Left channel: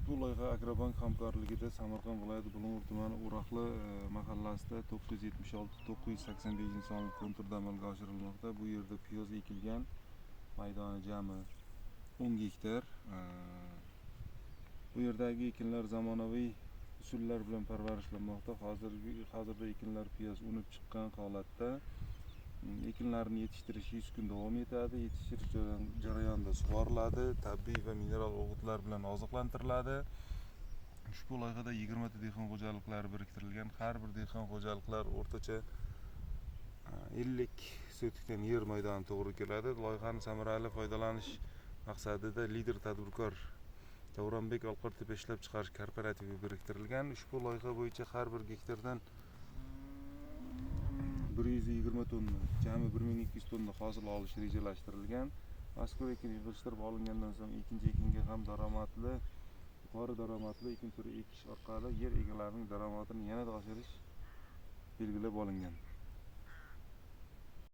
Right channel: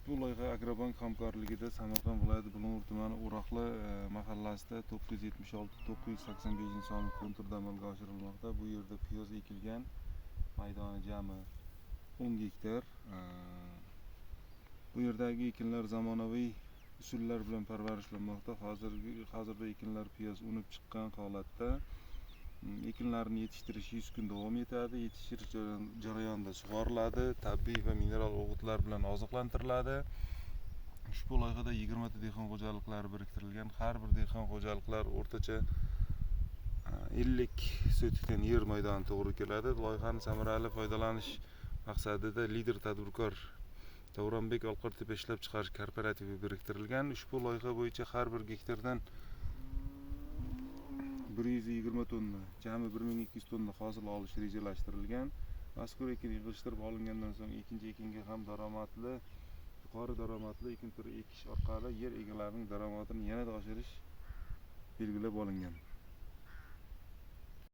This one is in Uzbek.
Ushbu loyiha Agrobank hamkorligida Samarqand viloyati Bulung'ur tumani O'roqli mahallasida 976-985 sonli konturda amalga oshirilmoqda. Bu yerda piyoz ekilgan, maydoni jami 10 gektar. Bu yerdagi ekinlar zamonaviy usullar bilan parvarishlanmoqda. Hozirda ekinlar piyoz unib chiqqan holatda. Ekinlarni yetishtirish 100 kun davom etadi. Yetishtirish jarayonida sug'oriladi, tabiiy va mineral o'g'itlar bilan oziqlantiriladi. Ushbu loyihada 20 ta dehqon xo'jaliklari biriktirilgan. Har bir dehqon xo'jaliklar o'rtacha 50 sotikdan yer maydoni to'g'ri keladi. Loyihani samarali foydalanish maqsadida lider tadbirkor Davronbek Olqortepa ishlab chiqarish kooperativi biriktirilgan. Ushbu loyiha bo'yicha har bir gektardan 120 tonna, jami 1200 tonna hosil olish rejalashtirilgan. Mazkur ekin yig'ishtirib olingandan so'ng ikkinchi ekinga ham yuqori daromadli ekin turi ekish orqali yer egalarining daromadini yanada oshirish belgilab olingan.